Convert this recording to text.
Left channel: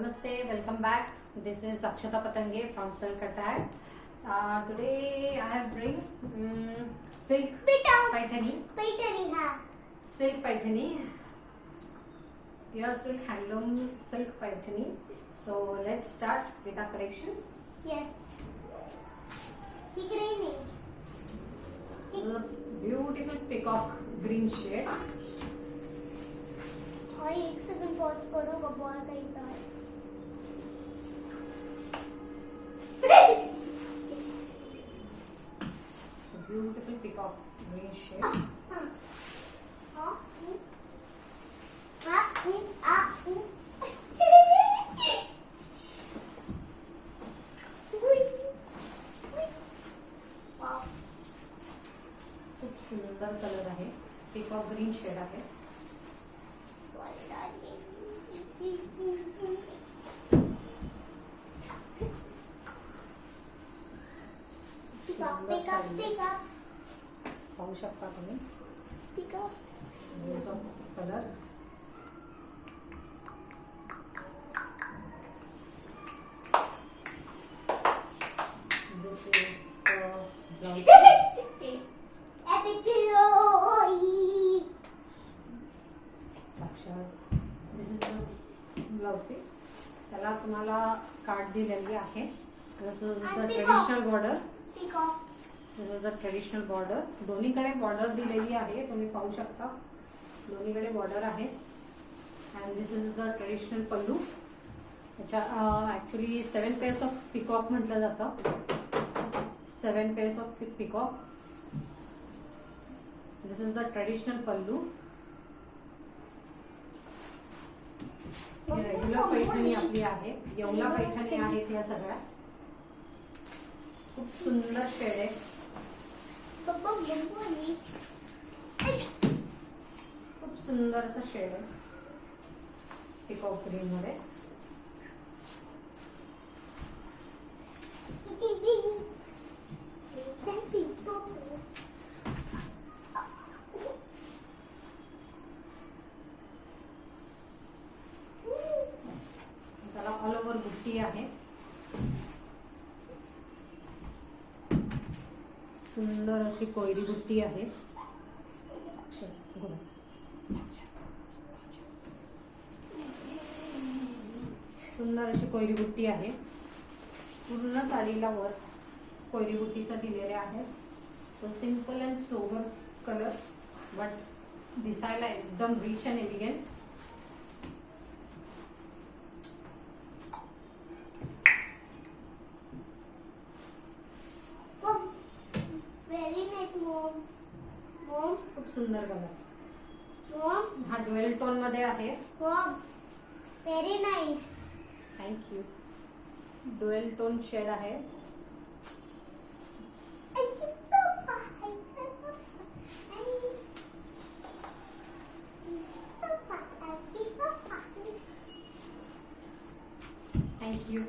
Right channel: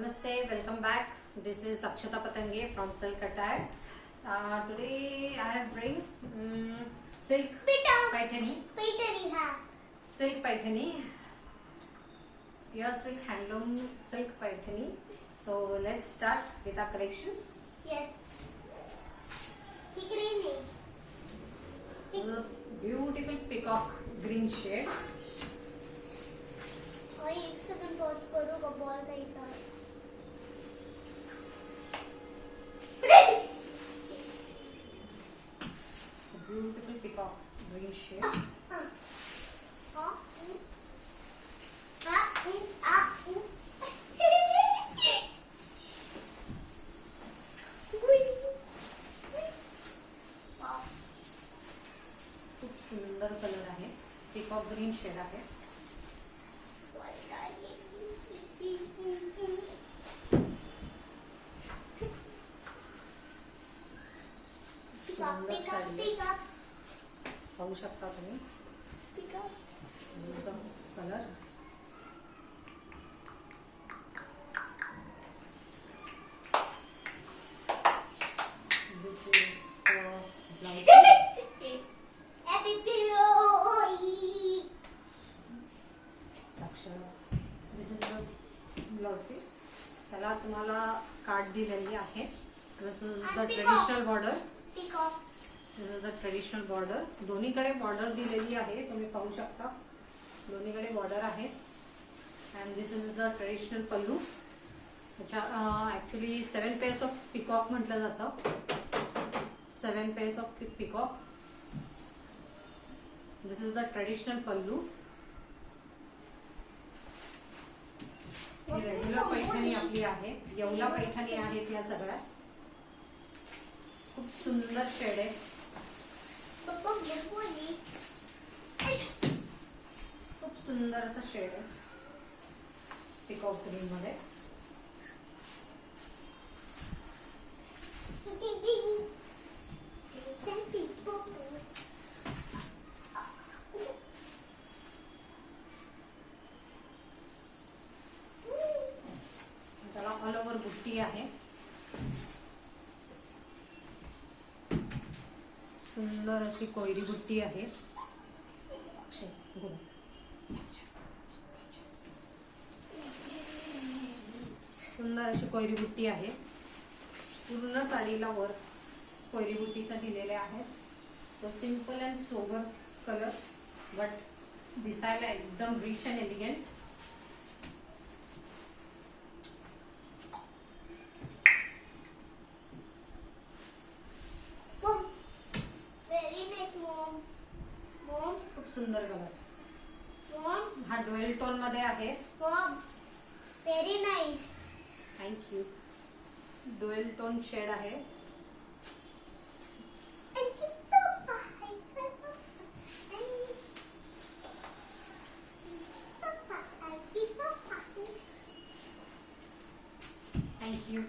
Namaste, welcome back. This is Akshata Patange from Silk Attire. Today I have bring silk paithani. Silk paithani. Your silk handloom silk paithani. So let's start with our collection. Yes. This is a beautiful peacock green shade. और एक second pause करो बॉल का इतना It's a beautiful peacock green shade. खूप सुंदर कलर आहे. peacock green shade आहे. पाहू शकता तुम्ही colour. This is the This is the blouse piece. त्याला तुम्हाला कार्ड दिलेली आहे. This is the traditional border. This is the traditional border. दोन्हीकडे border दिलेली आहे. तुम्ही पाहू शकता. दोन्हीकडे border आहे. And this is the traditional pallu. अच्छा actually 7 pairs of peacock म्हटलं जातं. 7 pairs of peacock. This is the traditional pallu. ही रेग्युलर पैठणी आपली आहे. येवला पैठणी आहेत या सगळ्या. खूप सुंदर शेड आहे. खूप सुंदर असं शेड आहे पिकॉक ग्रीन मध्ये. त्याला ऑल ओव्हर बुट्टी आहे. सुंदर अशी कोयरी बुट्टी आहे. सुंदर अशी कोयरी बुट्टी आहे. पूर्ण साडीला वर कोयरी बुट्टीचा दिलेले आहे. So simple and sober colour but दिसायला एकदम रिच अँड एलिगंट. खूप सुंदर कलर. हा ड्युएल टोन मध्ये आहे. Very nice. Thank you. Dual tone shade आहे. थँक्यू.